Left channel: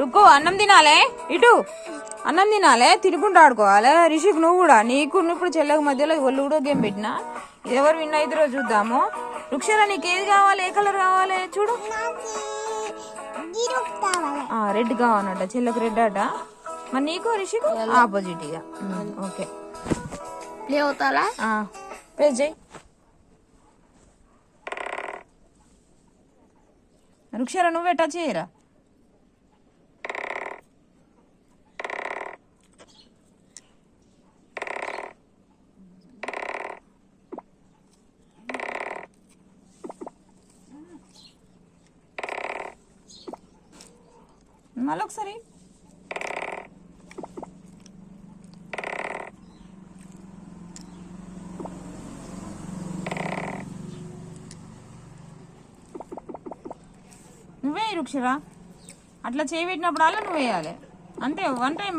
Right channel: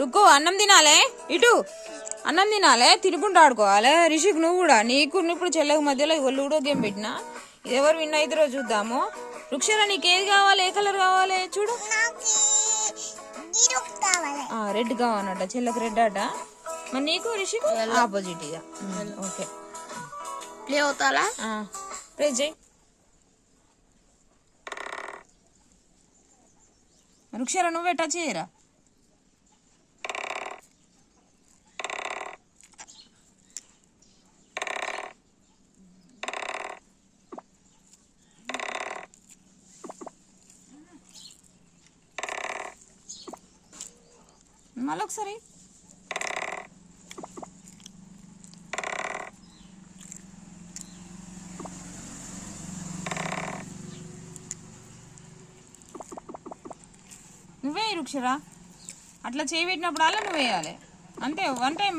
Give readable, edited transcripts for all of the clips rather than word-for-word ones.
రుక్కో అన్నం తినాలే ఇటు అన్నం తినాలే తినుకుంటూ ఆడుకోవాలి. రిషిక్ నువ్వు కూడా నీకు ఇప్పుడు చెల్లెకు మధ్యలో లూడో గేమ్ పెట్టినా ఇది ఎవరు విన్ అయిద్దరో చూద్దాము. రుక్షర నీకు ఏది కావాలి? ఏ కలర్ కావాలి చూడు. రెడ్ కావాలన్నట చెల్లెకు రెడ్ అట. మరి నీకు రిషిక్ ఆపోజిట్ ఇక. ఓకే ప్లే అవుతారా? ప్రెస్ చేయి. రుక్షర నువ్వే టచ్ చేయరా. మళ్ళీ ఒకసారి నువ్వే రుక్షరా. అట్లా చేయి పెట్టినప్పుడు అలా నువ్వు వేయాలి అంతే. వన్ టైం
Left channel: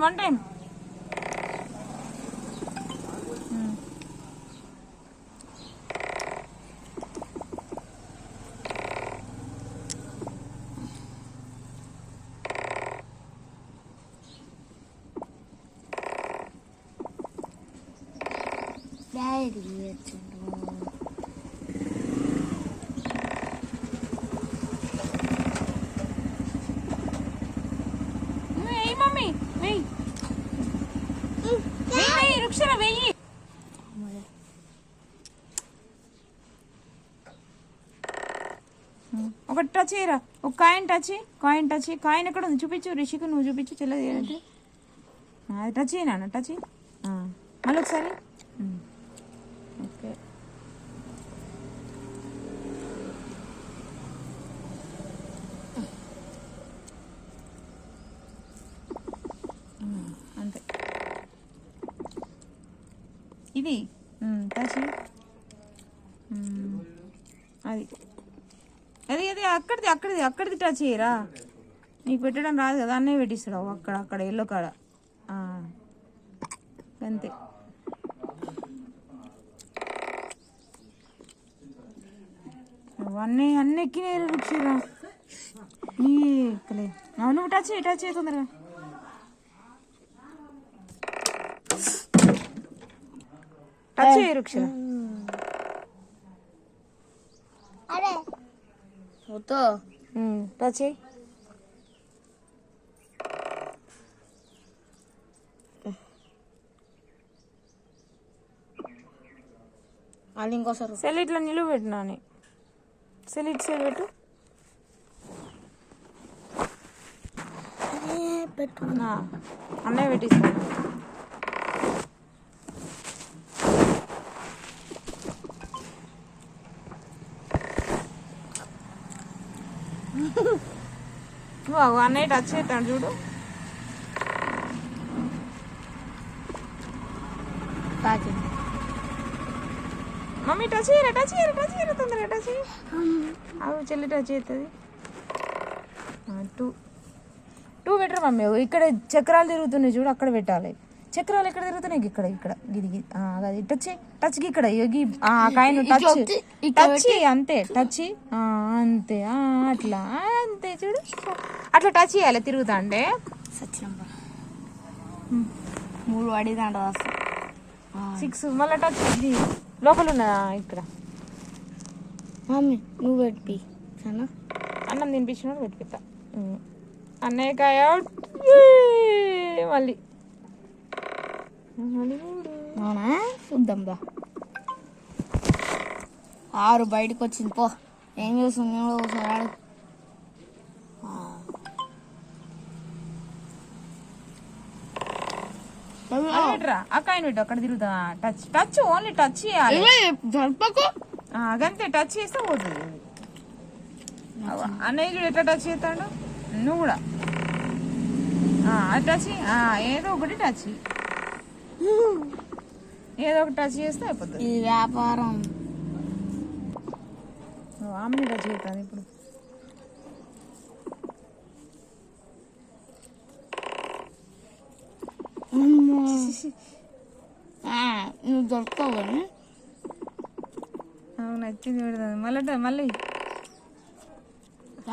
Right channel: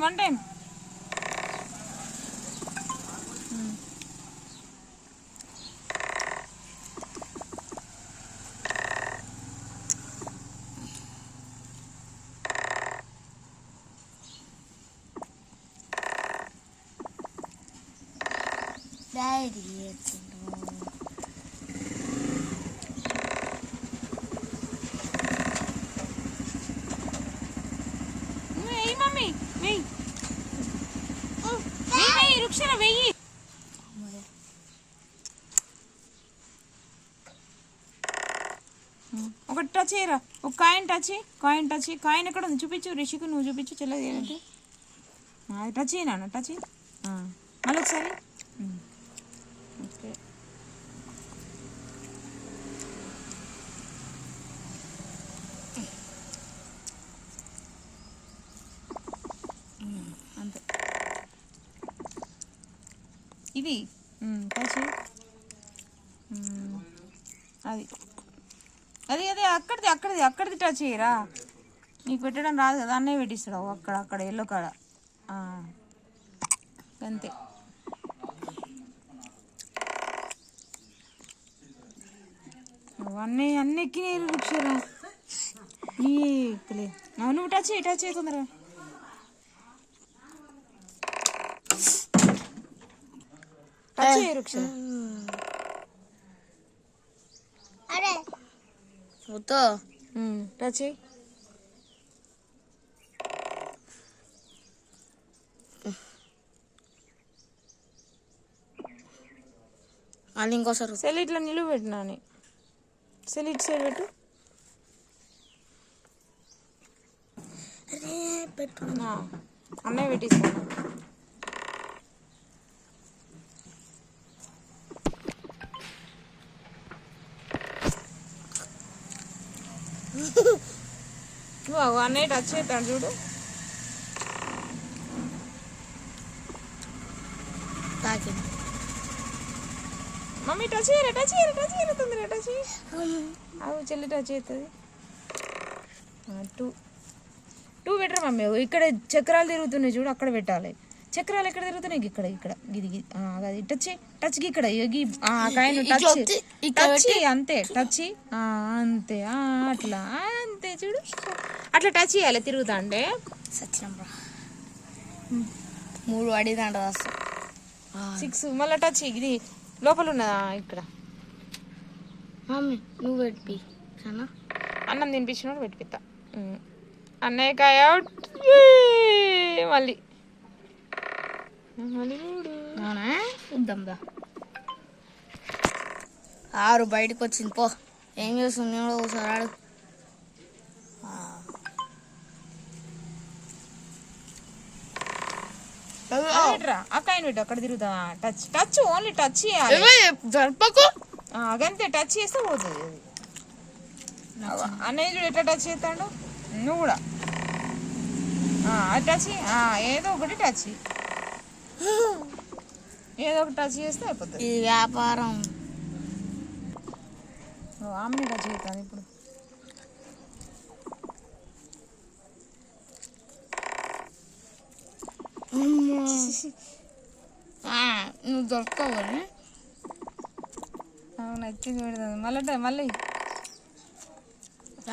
వెయ్యి మమ్మీ వెయ్యి వెయ్యి రుక్షర వెయ్యి. ఒకటి టచ్ చేయరా. ఒక కాయిన్ ఎక్కడ ఉంది చూపించు. రిషికు నువ్వు చూపించు చెల్లెది ఏంటంటే అది టచ్ చేయనా. టచ్ మళ్ళీ ఒకసారి. ఓకే అంతే ఇది టచ్ అది అది అదే అక్కడిది టచ్ చేయరా. నీకు పెట్టడం రాదు కదా అన్నీ పెట్టిస్తాడు అక్కడ ఎల్లో కాడ అంతే. అన్నీ ఎక్కినాయి రుక్షరా. నీ ఎక్కలే. నువ్వు టచ్ చేయి తొందరగా. టచ్ చేయి రుక్షరా. టచ్ చేయి. అది ఇంకోసారి సెల్ ఇట్లా నిలువ పెట్టినా సెల్ పెట్టు. అన్నయ్య పెట్టిస్తాను. అన్నయ్య టచ్ చేస్తాడు చూడు. మమ్మీ టచ్ చేయరా తొందరగా టచ్ చేయి. అవి చెల్లి టచ్ చేస్తుంది. Two better mummy. ఇక్కడ చక్రాలు తిరుగుతున్నాయి చూడు అక్కడ పెట్టాలి. చక్రాలు ఎక్కడ తిరుగుతున్నాయి? ఇక్కడ గిది అది టచ్ ఇక్కడ కాయను టచ్ అంతే. టచ్ అంతే అట్లా అంతే చూడు. అట్లా టచ్ చేయాలి తిరుగుతా అంటే. 3 అడిగిదంట 6 మళ్ళీ టచ్ ఇది లోపల ఉన్నదా ఇక్కడ. మమ్మీ నువ్వు పెట్టి అన్నం తినిపించినప్పుడు పెట్టిపిస్తా. అన్నయ్య కాయ మళ్ళీ చూద్దాం దా. 6 బయటకు వచ్చింది పో. ఏం చేస్తుంది నేను కూడా ఒకసారి ఆడు. అక్కడ అక్కడ తిరుగుతా. టచ్ ఓన్లీ టచ్ చేయాలి. అదంతే టచ్ చేస్తే పోతుంది. అన్నయ్య చూడు ఎట్లా టచ్ చేస్తాడు. నువ్వు కూడా అది టచ్ ఏదో ఒకటి టచ్ చేస్తే అయిపోతుంది. ఇది వ్యాపారం. ఆమెని టచ్ చేస్తాను ఇప్పుడు. నువ్వు దొరుకుతావు నచ్చింది పెడతాను మళ్ళీ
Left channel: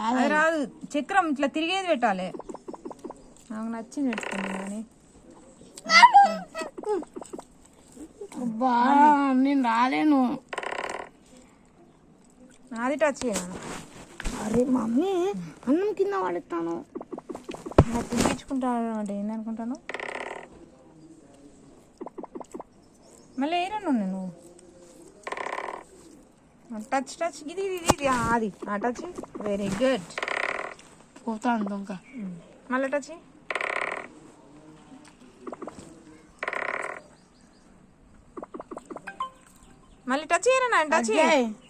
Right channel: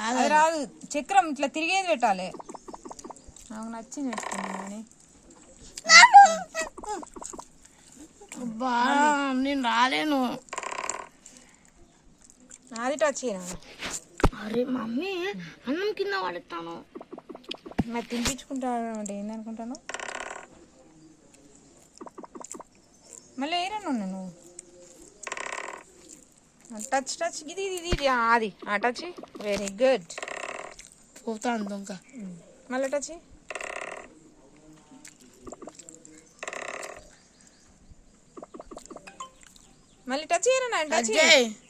అది రాదు. చక్రం ఇట్లా తిరిగేది పెట్టాలి. నాకు నచ్చింది పెట్టుకున్నాను. అబ్బా నేను రాలేను. నాది టచ్ చేయను. అరే మమ్మీ అన్నం కింద పడతాను. నాకు తినిపించుకుంటాను అంటే ఏందనుకుంటాను. మళ్ళీ ఏరను నేను టచ్ టచ్ ఇది ఇది ఇది అది టచ్. Very good. పోతాను దొంగ. మళ్ళీ టచ్. మళ్ళీ టచ్ చేయరా టచ్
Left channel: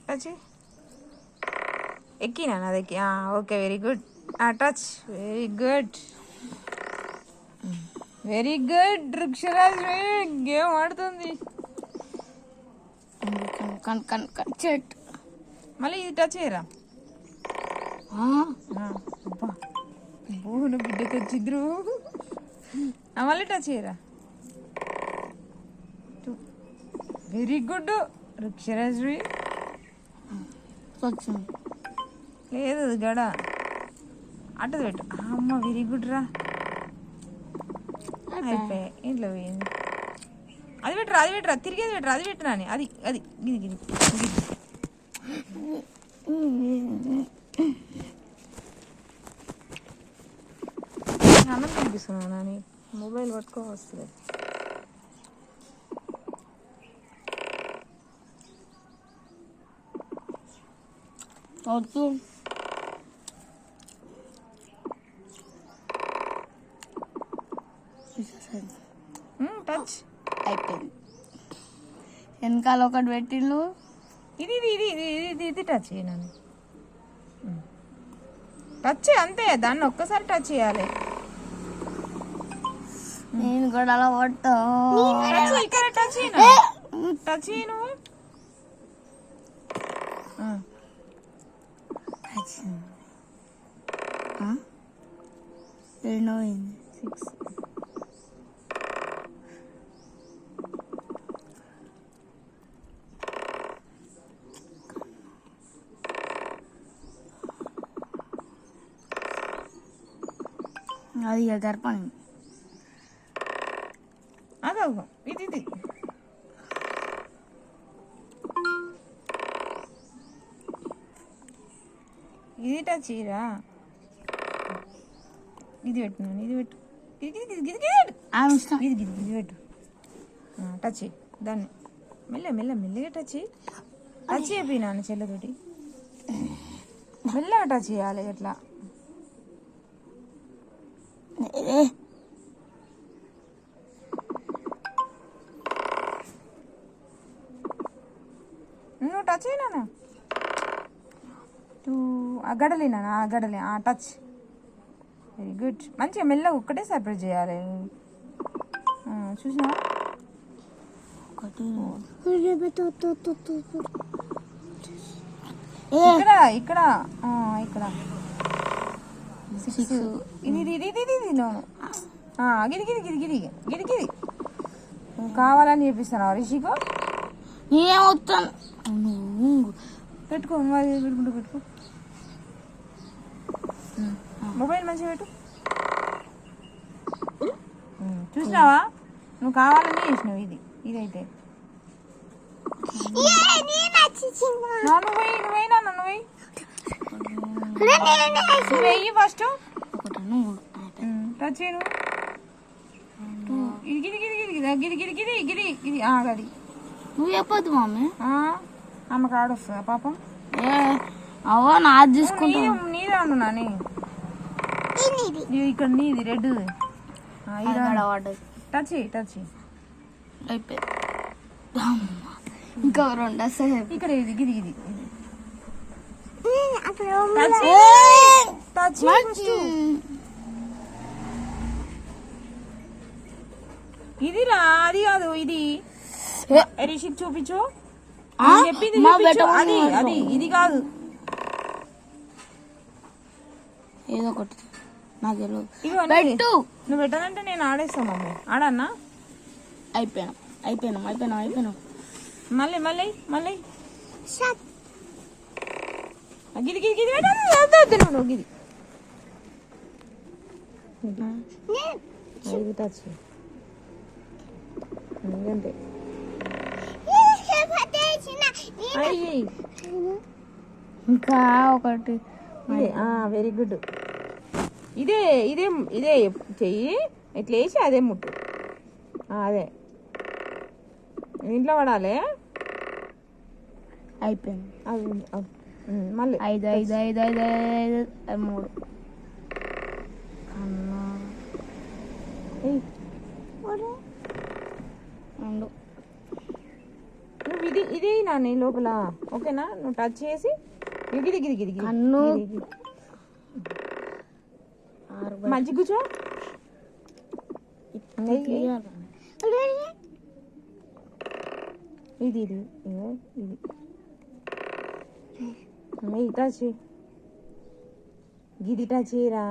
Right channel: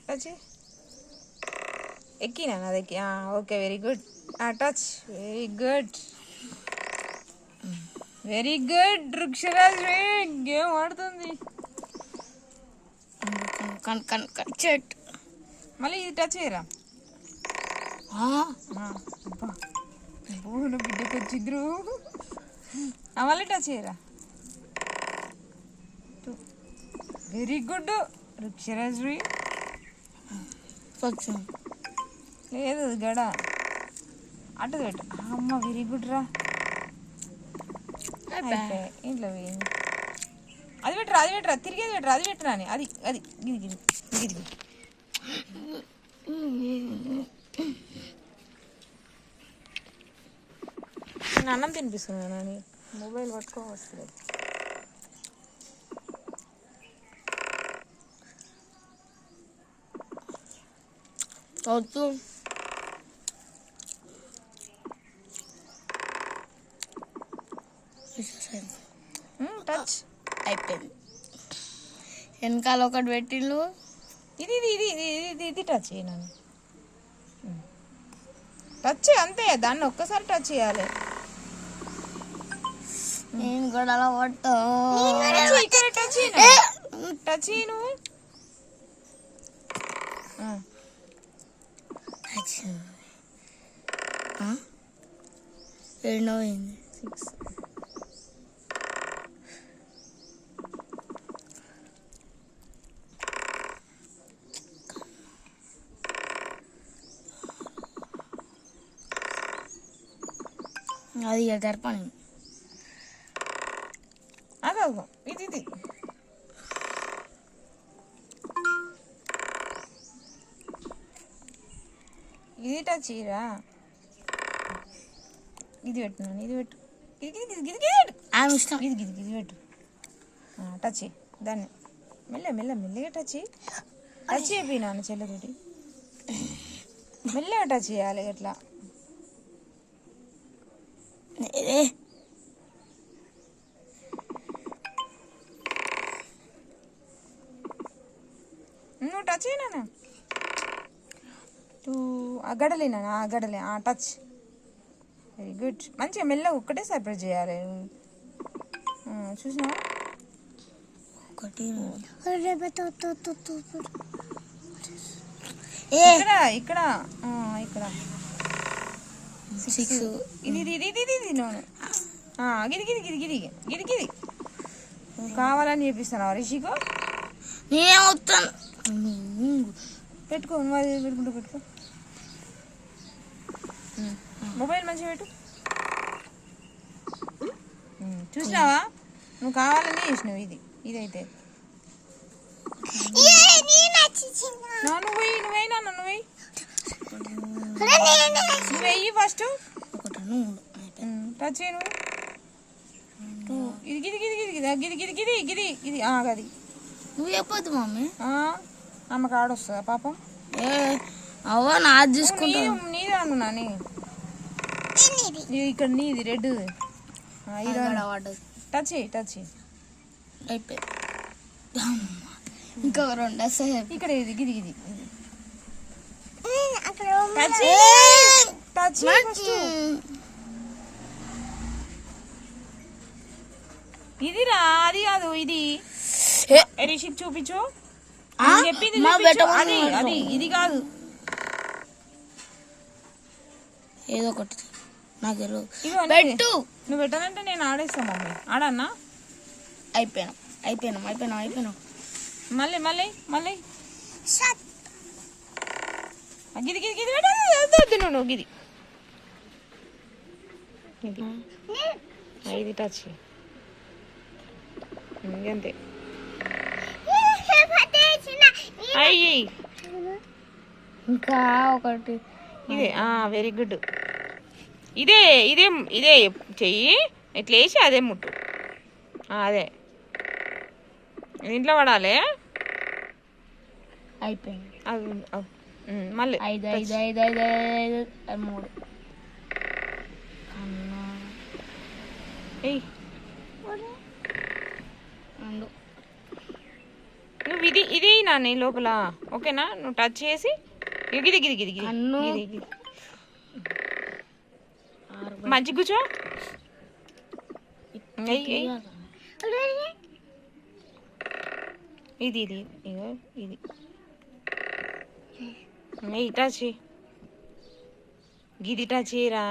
టచ్ ఎక్కినా అది ఎక్కి. Okay very good. Touch. Very good very good. Vriksharaj game ఆడుతుంది. చెట్. మళ్ళీ ఇది టచ్ చేయరా. బోన బిడ్డకు వచ్చిద్రు. మళ్ళీ టచ్ చేయరా. Very good Vriksharaj. లేదు గడ అటు పెట్టు. అమ్మ వెరీ గుడ్ రా. అయిపోయి ఇంట్లో పోయింది. అది పెట్టరా అది పెట్టరా తిరిగేది పెట్టరా అది పెట్టరా అని అది అది గిది గిది గిది. నేను అన్నం తినిపిస్తున్నాను అని మొబైల్ పట్టుకో వస్తుంది. టచ్ అయిపోయింది. వెనకాల ఒకటి పెట్టిండు. ఇది ఇది ఇది ఇది ఇది ఇది టచ్ చేయను. టచ్ అంతే. దాన్ని ఒక్కసారి టచ్ చేయాలి. నేను కూడా అలా పట్టా. టచ్ ఇక్కడ టచ్ టచ్ చేయను. రెండో అయింది. 6. అది గర్పణి. అదే ఇది ఇది ఇది టచ్ చేయరా. ఇది పెట్టినాను. ఇది పెట్టు. గిది గిది గిది గిది ఆమె ఇష్టం. గిది గిది గిది పెట్టు. టచ్ చేయి దాన్ని. మెల్ల మెల్ల మెల్లగా టచ్ చేయి. టచ్ అయిపోయినాను చెల్లతోటి. మెల్లగా టచ్ చేయాలి ఎట్లా. నువ్వు టచ్ అయినా ఆ గడలేనా ఆ గడలే టచ్. Very good. మంచిగా మెల్లగా ఒక్కటే సర్ప్రైజ్ చేయాలి. చూసినా ఇక్కడ ఇక్కడ ఇక్కడ 6. ఇది ఇది ఇది ఇది ఇది గిది గిది గిది గిది గిది గిది నువ్వు కావాలని చెప్పిస్తాను రిషికో. నేనేమవుతాను. పెట్టుకో నువ్వు పెట్టుకుంటూ పెట్టుకో. మొబైల్ మంచిగా పెట్టు. చూసినావా నువ్వు కావాలని చేసినావు. ఇది ఇదైతే నువ్వైనా నువ్వు వెయ్యి ఫస్ట్ టచ్ చేయను. ఇది గిది గిది గిది గిది గిది గిది గిది గిది అది నువ్వు చెప్పొద్దు మమ్మీ. ఆమె కాడ వస్తుందా పాపం. అవ్వ నాది చూసుకుంటా. నీదే అన్నా ఇక్కడ నీది రెడ్. టచ్ చేయి టచ్ చేయి. అయిపోయి ఇంకా 2 వస్తాయి. ఇక్కడ ఇది గిది గిది టచ్ ఇది రా. అది కాదు ఇది రిషిక్ చూపించు. చెప్పింది చూపించు. అది అది ఇది కాదు. ఏదో ఒకటి నాకు పెట్టు. నువ్వు పెట్టాలంటే నేను ఆడేస్తాను మమ్మీ. ఆడన్నా. అయిపోయినా మళ్ళీ మళ్ళీ మళ్ళీ గిది గిది గిది పెట్టద్దు నువ్వు గిది ఇది ఇది టచ్ అంతే. అయ్యి ఇంకా ఒకటి ఇదే వెరీ గుడ్. ఇదే ఇదే ఇదే చెయ్యి ఇట్లా వేసి అదే ముట్టు. అదే ఇంట్లో పడాలి. అయిపోయింది. మళ్ళీ 5 5 5 5 5 3 నువ్వు ఇది నాని లోపల ఓకేనా. నువ్వు టచ్ చేసి గిది గిది గిది గిది గిది మంచి కూర్చో. ఇది ఇది ఇగో ఇది టచ్ గిది టచ్ చేయరా.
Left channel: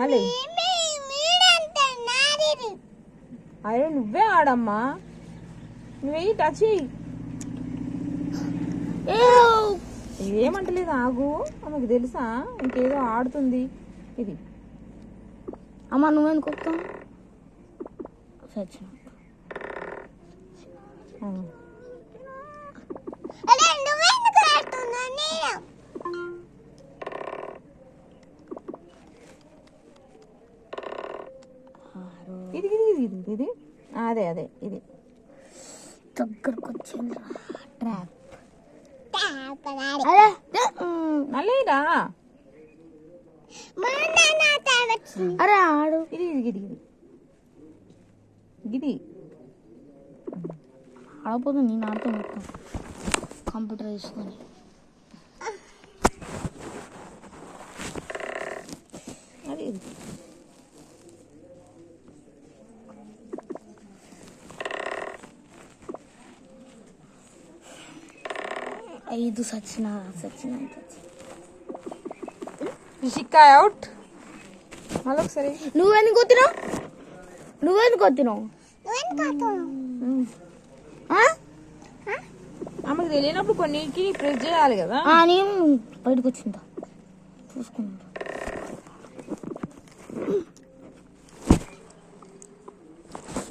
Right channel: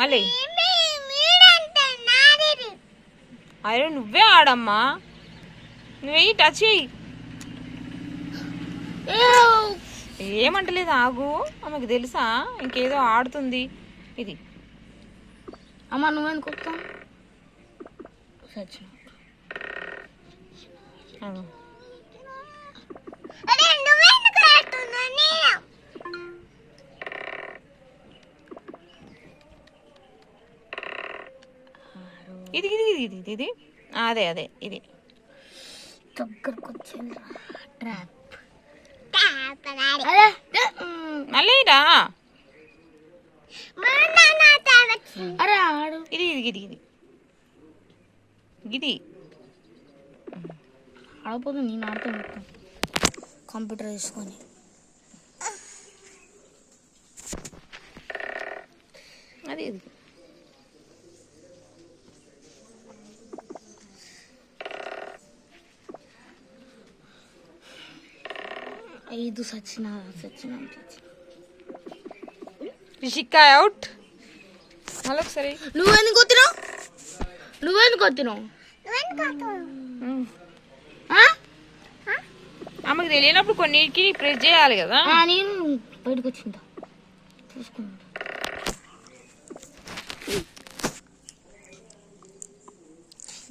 మళ్ళీ అరే నువ్వే ఆడమ్మా. నువ్వే టచ్ చేయి. ఏమంటలేదు ఆగు. ఆమెకు తెలుసా ఇంకేదో ఆడుతుంది. ఇది అమ్మ నువ్వెందుకు వస్తావు? ఇది ఇది ఇది ఇది ఇది అదే అదే ఇది దగ్గరకు వచ్చింది. ట్రాప్ మళ్ళీ రా. అరే ఆడు. ఇది ఇది ఇది ఇది ఇది ఆడపోదు. నేను ఆడుతాను కంప్యూటర్ తీసుకొని. అది ఇది 5 సచిన రిషికాయ్ అవుట్. మళ్ళీ ఒకసారి నువ్వెందుకు వచ్చినావు? ఆమెకు తెలియనప్పుడు కొన్నిటికి ప్రెస్ చేయాలి కదా. నేను బయటకు వచ్చిందా చూసుకున్నా.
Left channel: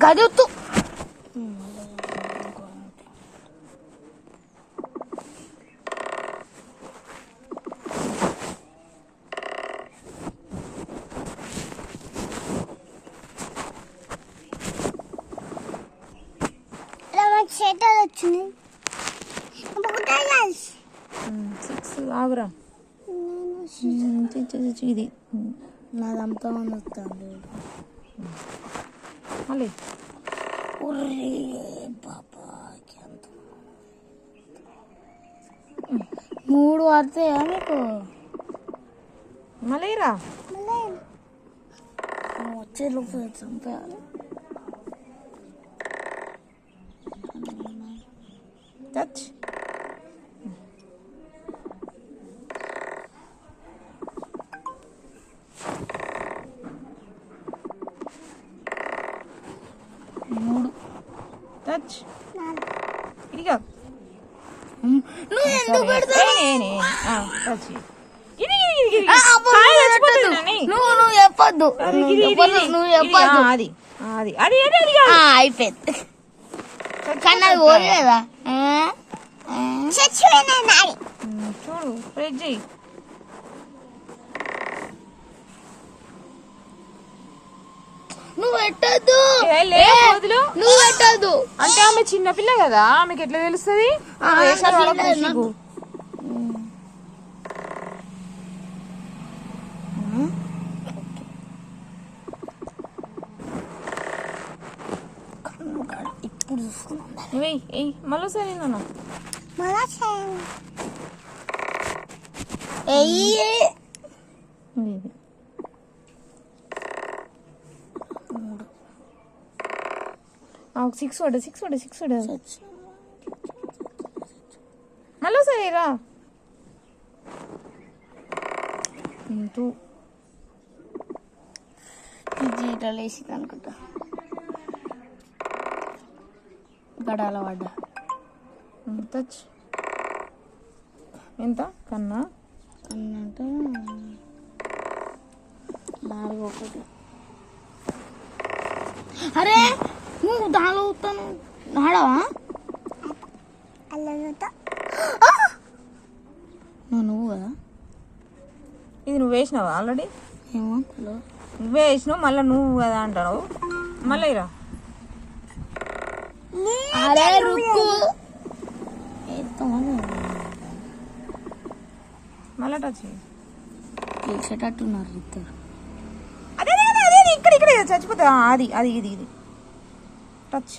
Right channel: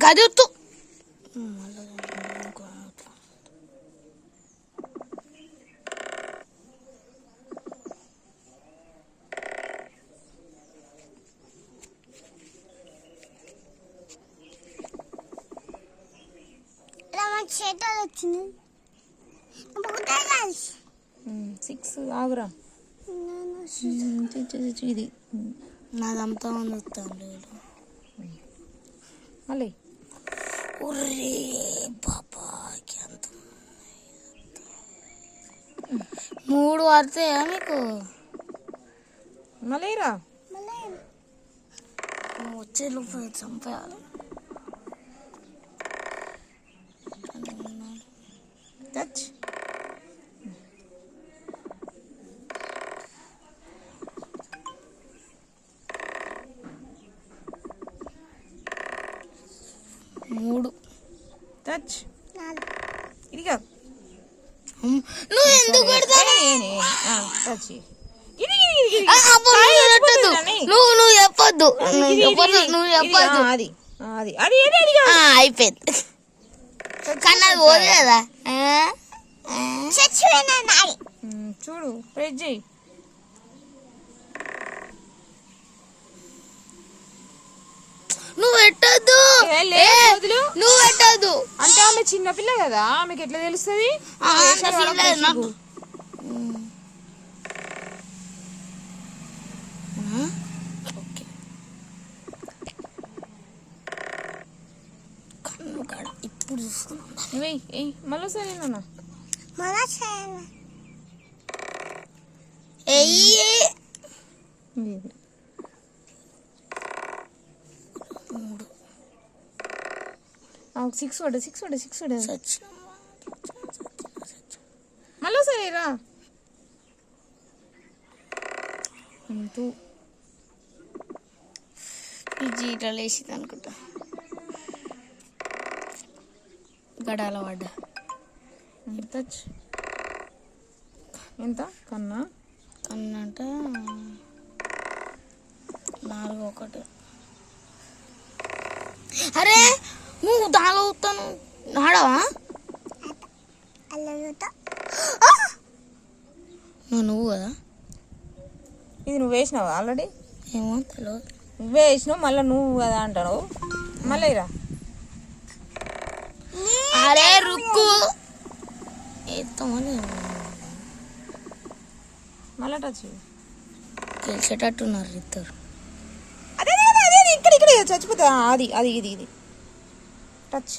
గదొత్తు వచ్చింది. 6 ఆగురా. ఇది నాదంతా వస్తుంది. మళ్ళీ ఒరే బాబా 3 పడతాయా మీకు? మళ్ళీ రా. వచ్చే లోపు చంపేయాలి. టచ్ టచ్ ఇదిగా నువ్వు ఎందుకు పెడతావు? టచ్ నువ్వు చెప్పొద్దు. అది అది అది అయిపోయింది. కన్నా పోలేదా? చూడు ప్రెస్ చేయి. నువ్వు పెట్టద్దు. నువ్వు పెట్టద్దు అంటే ఆమె చిన్నపిల్ల కదా. ఆమెకి ఎట్లా తెలుస్తుంది? ఇప్పుడు చూసుకున్నా. మళ్ళీ సరే నాన్న సిక్స్ పడ మళ్ళీ సరే రా. 2 జీటాలు వేసింది అనుకుంటా. గడాల పడ్డా. టచ్ ఎంత కన్నా అంటే అరే నువ్వు దాలో వస్తాను ఆడవా నువ్వు కదా ఇది నువ్వు వేసినావు ఆల్రెడీ. ఏమో తెలియదు. నువ్వే వేసినావు మళ్ళీ నువ్వు కదా అంటావు. మళ్ళీ రా. అరే రుక్కు మళ్ళీ టచ్ గెలిచేటట్టున్నారు ఇద్దరు. అదే అదే అదే ఇక్కడ ఇక్కడ చచ్చిపోతా. అది అది ఇది ఇది టచ్.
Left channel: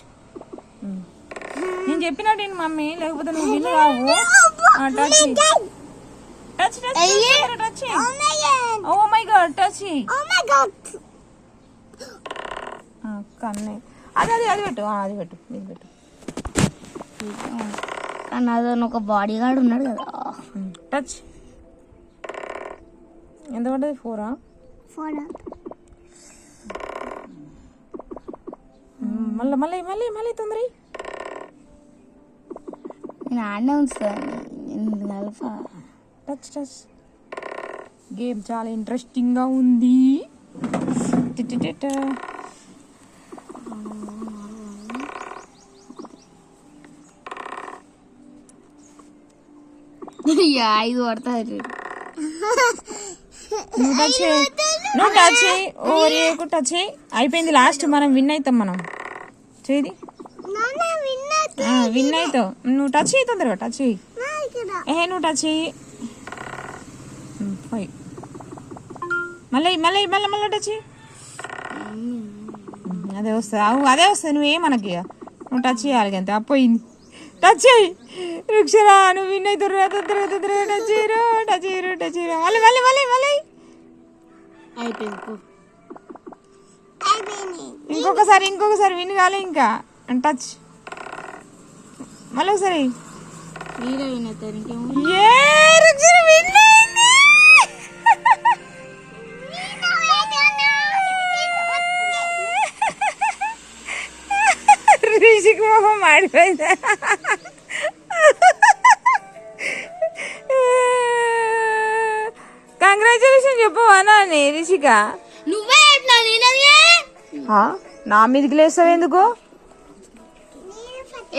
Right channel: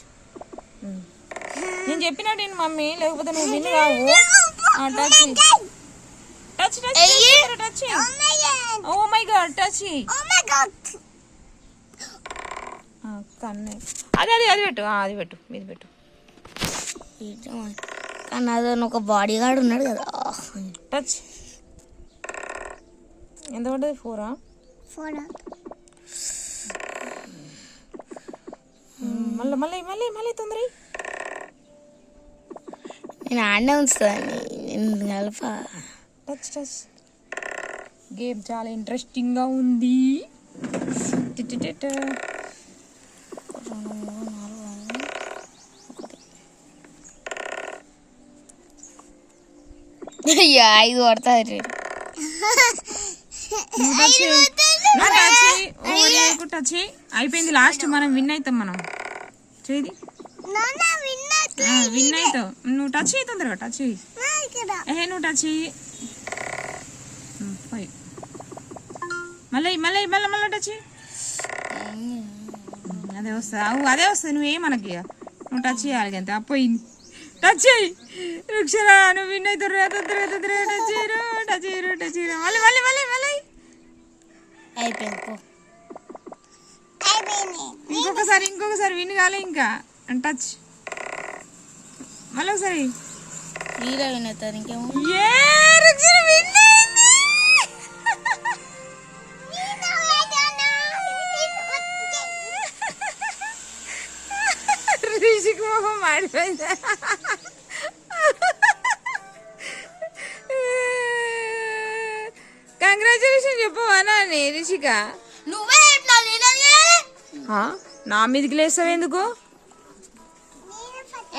నేను చెప్పినట్టు ఏంటి మమ్మీ, లేకపోతే నువ్వు విన్ కావు. Touch touch touch touch. Oh my god touch. కన్నే అది అది అది పెట్టు, అది పెట్టు, ఇది పెట్టు. కానీ అదొని ఒక బాడీ గార్డ్ ఉన్నాడు కదా. టచ్. ఎంత పడ్డది? 4. మళ్ళీ మళ్ళీ మళ్ళీ మళ్ళీ తొందర. నేను ఆడనే ఉంచుతాను నేను కలప. Touch touch. గేమ్ చాలా ఇంట్రెస్టింగ్గా ఉంది. అయ్యా 5 పడతాయి. నువ్వు టచ్ ఓవర్ టచ్ అయిపోయింది. లాస్ట్ మనం విన్ అవుతాం. మనం చేయి విన్ అవుతావు. నువ్వు టచ్ చేయి తొందరగా. టచ్ చేయి. నువ్వు టచ్ చేయి. 5. మళ్ళీ మళ్ళీ మళ్ళీ మళ్ళీ టచ్ చేయి. అదే వస్తుంది. అదే వస్తుంది. నువ్వేమనకి నువ్వు టచ్ చేయాలి అంతే. పోయింది. టచ్ చేయి రుక్షరా. నువ్వు విన్ అవుతారు. తొందరగా తొందరగా టచ్ చేయరు టచ్ చేయరు టచ్ చేయరు. మళ్ళీ మళ్ళీ మళ్ళీ మళ్ళీ అయిపోయింది. ఇంకొకసారి విన్ కాలే ఇంకా. టచ్ మళ్ళీ ఒకసారి. వీళ్ళ విన్ అవుతారు. ఇంకేమో రిషిక్ మొహం మాడిపోయిందా? కంగ్రాచులేషన్ చెప్పవా నాని రిషిక? నువ్వే నా మీదకి లేస్తావు ఎందుకు?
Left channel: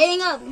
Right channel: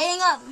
ఏం కాదు.